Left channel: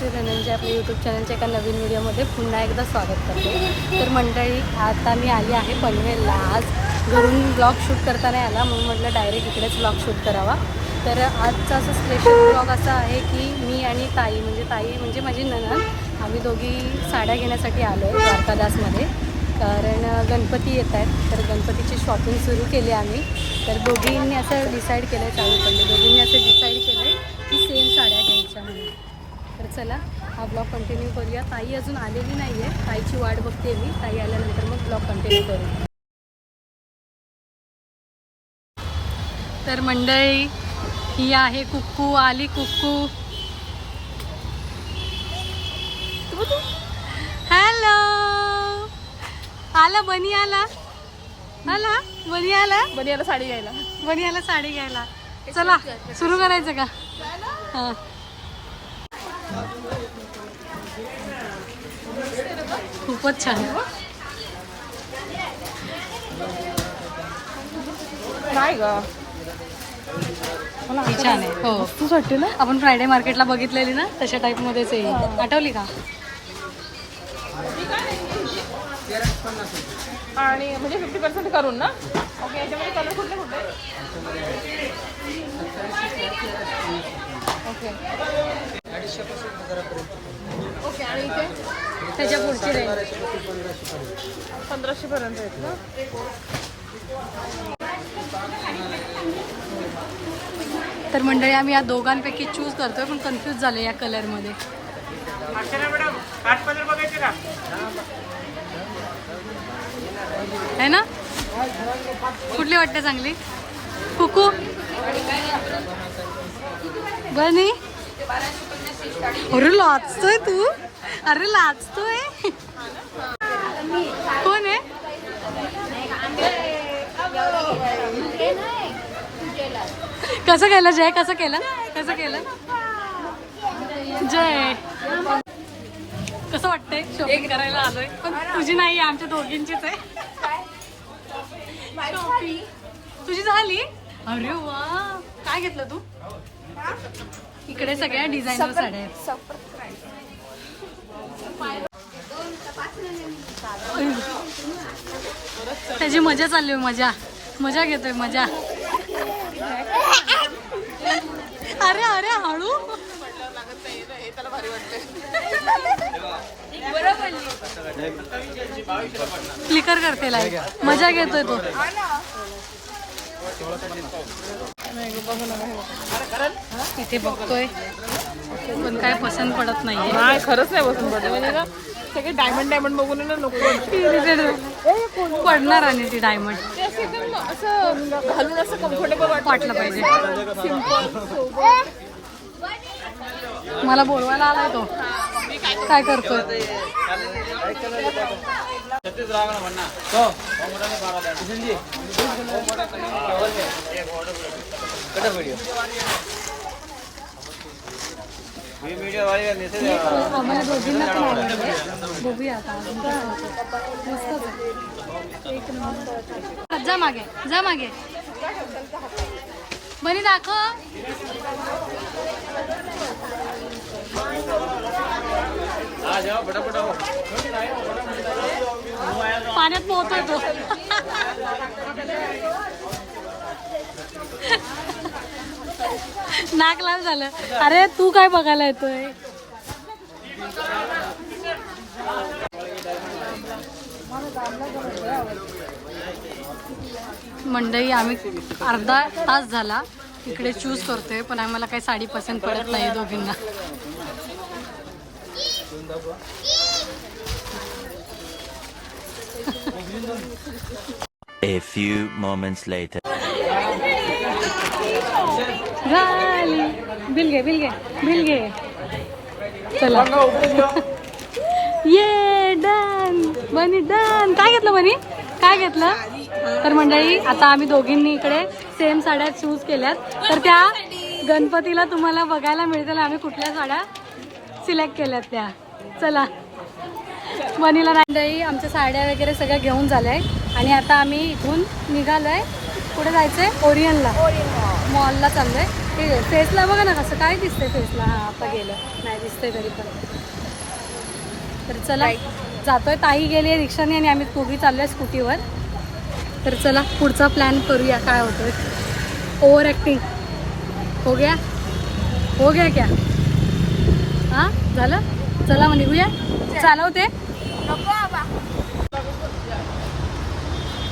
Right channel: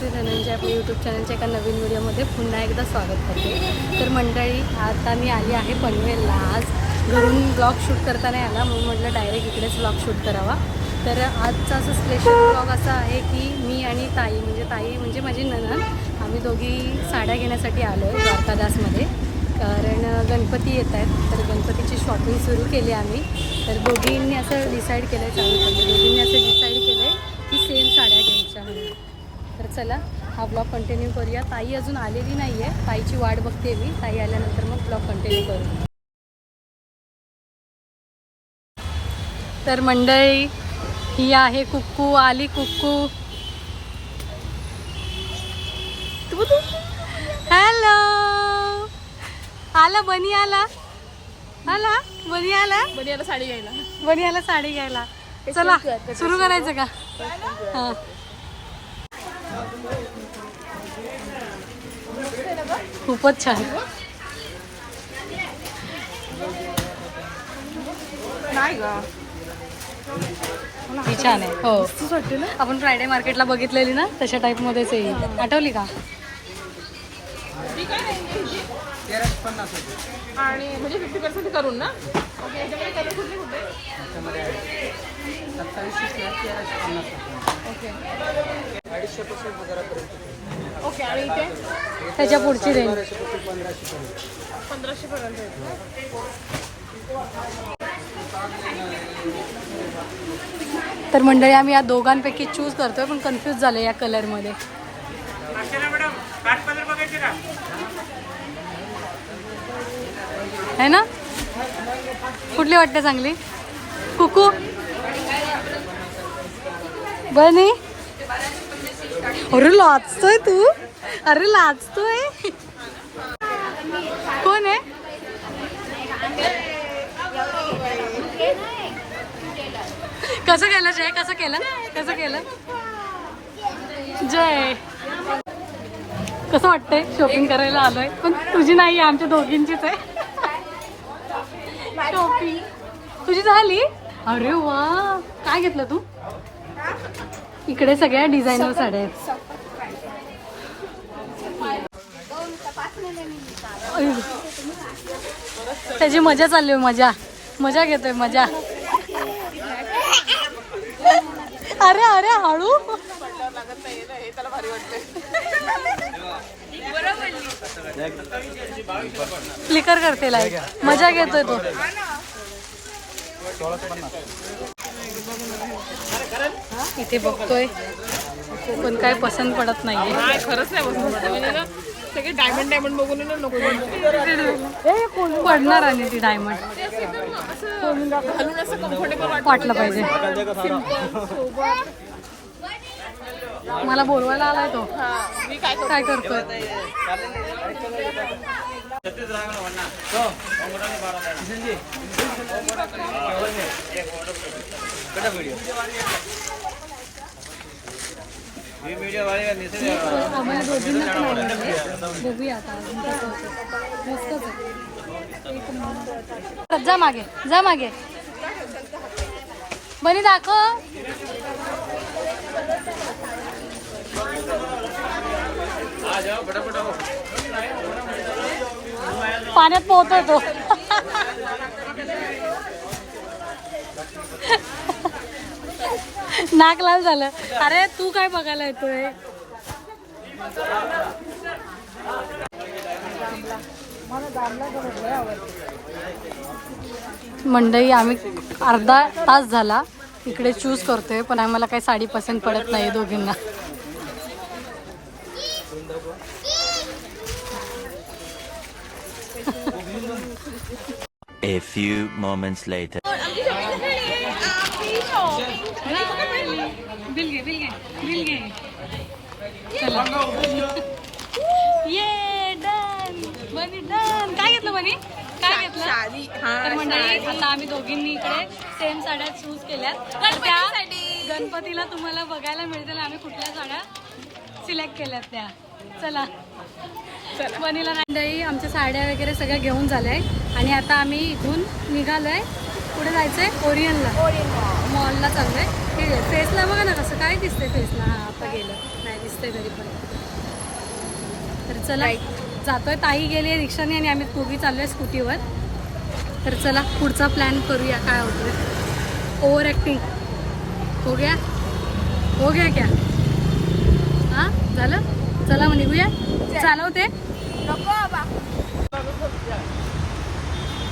श्री धनंजय आपल्या यूट्यूब चॅनलच्या एका नवीन व्हिडिओमध्ये पुन्हा एकदा स्वागत करते. तर मंडळी आता मी आली आहे पनवेलला. आज घरून ब्लॉग शूट करता नाही आला म्हणून म्हटलं डायरेक्ट इकडेच ब्लॉग शूट करावा. तर आजचा असं स्पेशल ब्लॉग असा आहे की मी आणि ताई म्हणजे ताई म्हणजे माझी ननन आम्ही दोघी साड्या घेण्यासाठी आलो आहे द्वारकादासमध्ये. कारण गणपती येत आहेत. तर गणपतीची शॉपिंग सुरू केली आम्ही. तर दोघींनी असं डिसाईड केलं आहे चालू पडले. दोघींनी असं डिसाईड केलं आहे की सेम साड्या घ्यायच्या म्हणून तर चला हा ब्लॉग कंटिन्यू करूया. ताई अजून आलेली नाही आहे ताईची वाट बघते मी. ताई आल्यानंतर मग ब्लॉग कंटिन्यू करू. तर मंडळी ही आहे कुक्कू. आली कुक्कू. हॅलो आला बनी आला. आला? बनी आला? बनियाला साडी घ्यायला. बनी आला साडी घ्यायला. चला सुरू करायचं का? हा. खूपच छान. ही छान आहे. हो. आपण फ्रायडे मार्केटला बघितलेली ना तशा टाईप मध्येच आहे. ही. आठवली का? आणि म्हणजे फिफ्टी पर्सेंट करून ना? ओके याच्यामध्ये कलर कुठले कुठले? ओके ओके आणि इथे? त्याच्या पुढची रेंज पंधराशे पर्यंत? तर मंडळी आम्ही या दोघांपैकी चूज करतोय पण कन्फ्यूज झालो या कलरमध्ये है ना? कुठली वाटते चांगली? कुकू? बनी अरे लाचतोय तू. अरे लाचतोय कोण आहे? कसं केलं जय? कसं केलं? कसं केलं? जय. कसं वाटतंय शॉपिंग करायला आलोय? पण तुझी नाही आहे आमच्या दोघींचीच आहे. शॉपिंग तुझी झाली? अरे वा. काय घेतलं तू? इकडे सगळ्या डिझायनर साड्या आहेत. त्याची मजा चालली आहे मजा. मजा घेतोय मजा. अरे अरे हळू. हे फ्लिकर करते लाइट मजा घेतोय तो. इथे बघतोय. पण काय पसंत पडत नाहीये. नाही खरंच नाही ना सगळे डायमंड डायमंड बघून ना नको. पडणार आणि ती डायमंड असं घालून असं कम्फर्टेबल वाटलं पाहिजे. सिंपल सोबत. मला बोलवायला आलाय तो. हा। मी काय काय करतोय आम्हाला दोघींना पण आवडलं बघूया आता अजून कसं होतं मस्तच आहे एक नंबर। जा मागे जा मागे। बनी दाखव पाण्यात पोहतोय तो। नाक लाल झालं. अरे तू काय बघायला येतोय? मंडई आम्ही अर्धा तास झाला. इकडे चूज करतोय पण आम्हाला काही साडी पसंत पडत नाही दोघींना. A few moments later. Bill घे बिल घे बिल घे. चला. ये डन. बनी डन. काय घेतलं बनी? काय घेतलं? तर मंडळी आता आम्ही दोघींनी इकडे सेम साड्या चूज केल्यात. तर त्या गणपतीला तुम्हाला बघायला मिळतील. आम्ही कुठल्या साड्या सिलेक्ट केल्यात त्या. चला. मनीला मंडळी आमच्या साड्या वगैरे सगळ्या घेऊन झाल्या आहे आणि आता आम्ही इथून निघालोय. कुठे जायचंय? ओरियनला. मॉलला चाललोय. ठीक आहे फेसला बघा ना कसं काय दिसतंय फेसला. हा आता गेलं. नाही दिसतंय तरी पण. तर चला जातोय. ताई गेली रिक्षाने आणि आम्ही दोघी चाललोय स्कूटीवर. तर चला पुढचा प्लॅन करूया काय होतोय. ओव्हर ॲक्टिंग हो गया? हो गया क्या? हा झालं? चला मग निघूया. चालवते.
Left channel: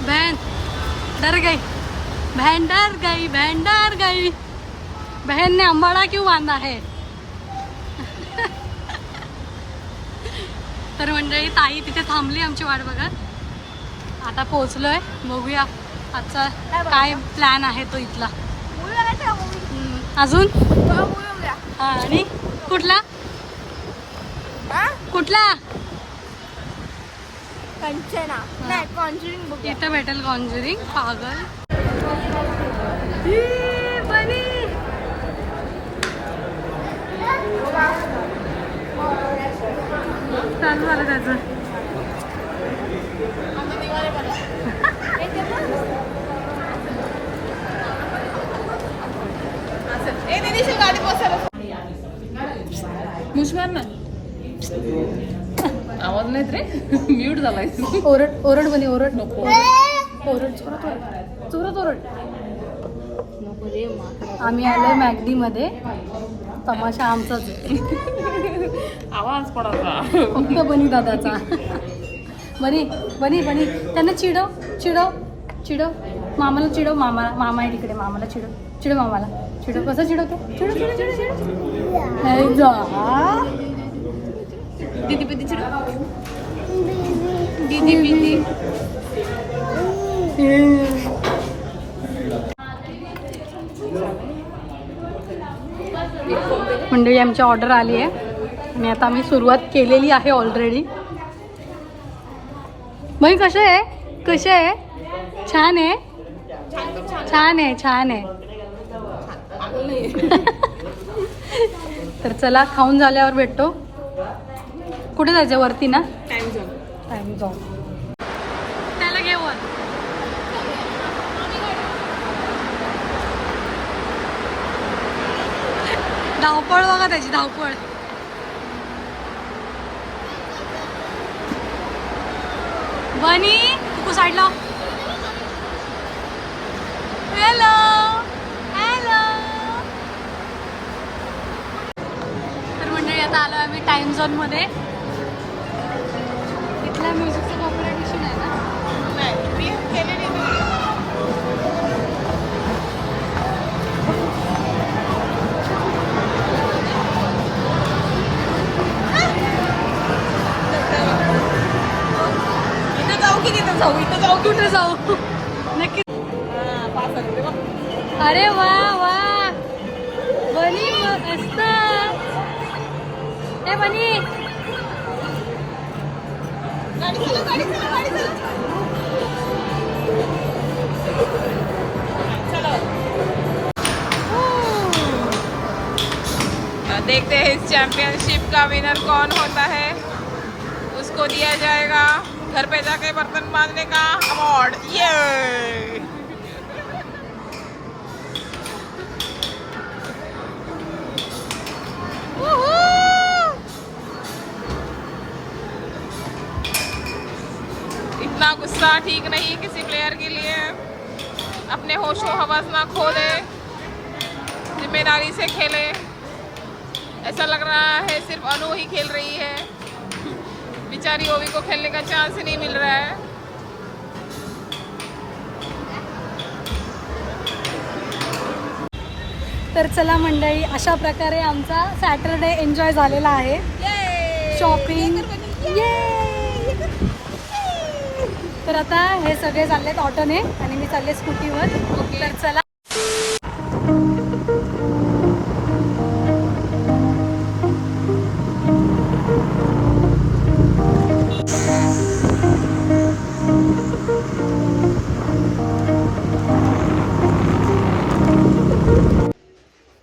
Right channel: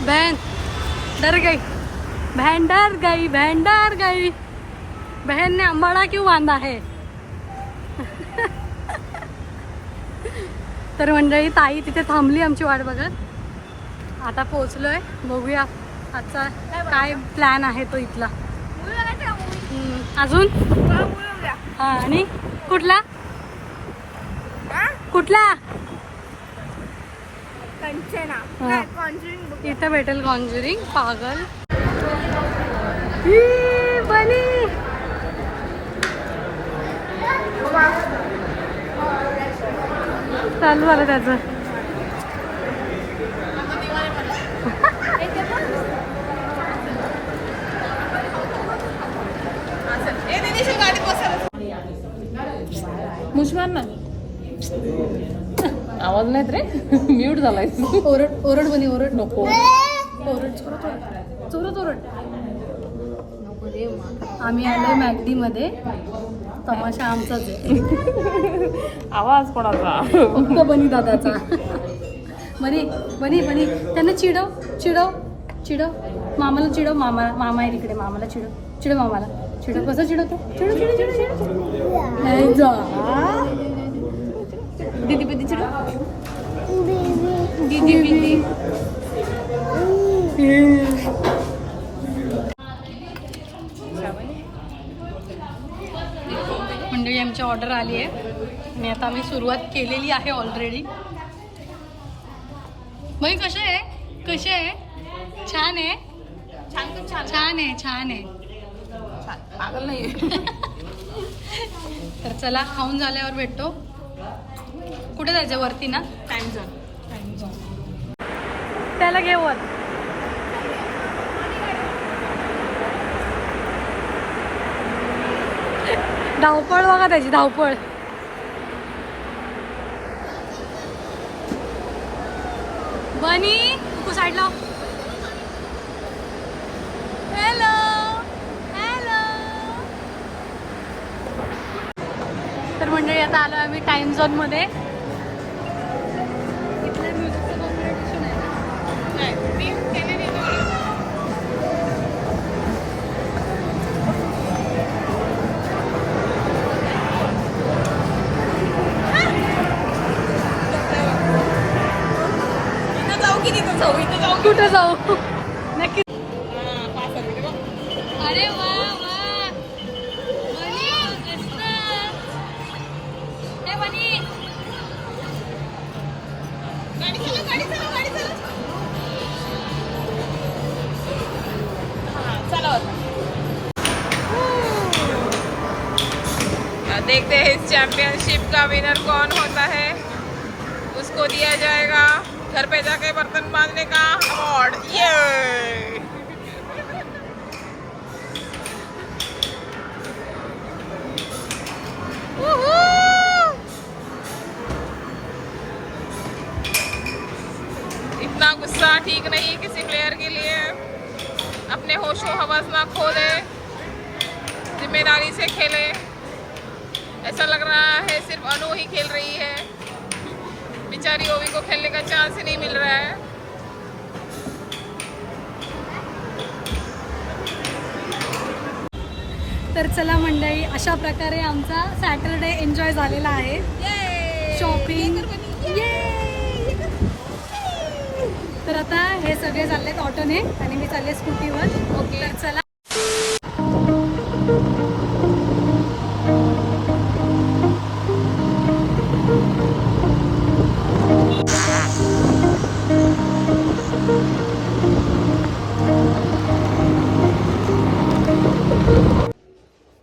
बहन डर गई. बहन डर गई बहन डर गई. बहन ने अंबाडा क्यों बांधा है? तर मंडळी ताई तिथे थांबली आमची वाट बघत. आता पोहोचलोय बघूया आजचा काय प्लॅन आहे तो इथला. अजून? हा आणि कुठला? कुठला? इथं भेटेल कॉन्ज्युरिंग पागल ई, बनी चालू झालं त्याचं. मुश्मान ना. आवाज नाहीत रे. म्यूट झालाय. ओरड ओरड बनी ओरड. नको. ओरड चोरत ओरड चोरत ओरड नको रे आम्ही आलोय मॅगडी मध्ये तमाशा आमचाच आहे. आवाज कोणाचा? फक्त बनी दादाचा. बनी बनी बनी. त्यांना चिडव चिडव चिडव. मामाला चिडव मामा मामा आहे तिकडे मामाला चिडव. चिडव मामाला. चिडव. कसं चिडवते? चिडव चिडव चिडव चिडव. हे जा. दीदी दीदी चिडो दीदी दीदी मंडळी आमची ऑर्डर आली आहे. आणि आता आम्ही सुरुवात केलेली आहे ऑलरेडी बाई कसे आहे? कसे आहे? छान आहे? छान आहे छान आहे. तर चला खाऊन झाल्यावर भेटतो. कुठे जायचं वरती ना? टाइम झोन टाइम जाऊ त्याला घे धावपळ बघा त्याची धावपळ. बनी कुकू साईडला हॅलो हॅलो तर मंडळी आता आलो आम्ही टाइम झोन कुठे जाऊ? नक्की. अरे वा वा. बनी ए बनी देखते हैं इस चैंपियनशिप का विनर कौन होता है। उसको दिया जाएगा। घर पे जाके बर्तन बांधने का अवार्ड। ये इतना गुस्सा ठीक नहीं किसी प्लेयर के लिए। अपने होशो हवस ना खो दे। ज़िम्मेदारी से खेले। ऐसा लग रहा है सिर्फ़ अनु ही खेल रही है। बिचारी ओवी को खेलने का चांस ही नहीं मिल रहा है। तर चला मंडळी अशा प्रकारे आमचा सॅटरडे एन्जॉय झालेला आहे. शॉपिंग तर आता हे सगळे चाललेत ऑटोने आणि मी चालले स्कूटीवर तर चला.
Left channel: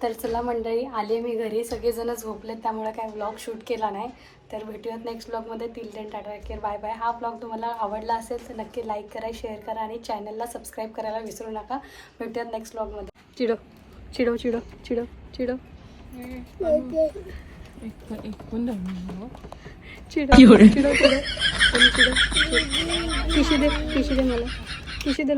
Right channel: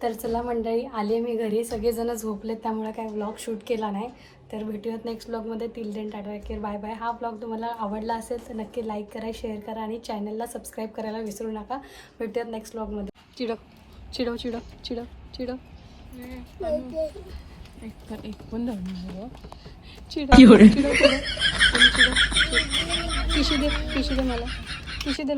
तर चला मंडळी आले मी घरी. सगळेजण झोपलेत त्यामुळे काय व्लॉग शूट केला नाही. तर भेटूयात नेक्स्ट ब्लॉगमध्ये till then tata care bye bye हा ब्लॉग तुम्हाला आवडला असेल तर नक्की लाईक करा शेअर करा आणि चॅनलला सबस्क्राईब करायला विसरू नका. भेटूयात नेक्स्ट ब्लॉगमध्ये चिडो चिडो चिडो चिडो चिडो चिडो पिशी दे मला. पिशी दे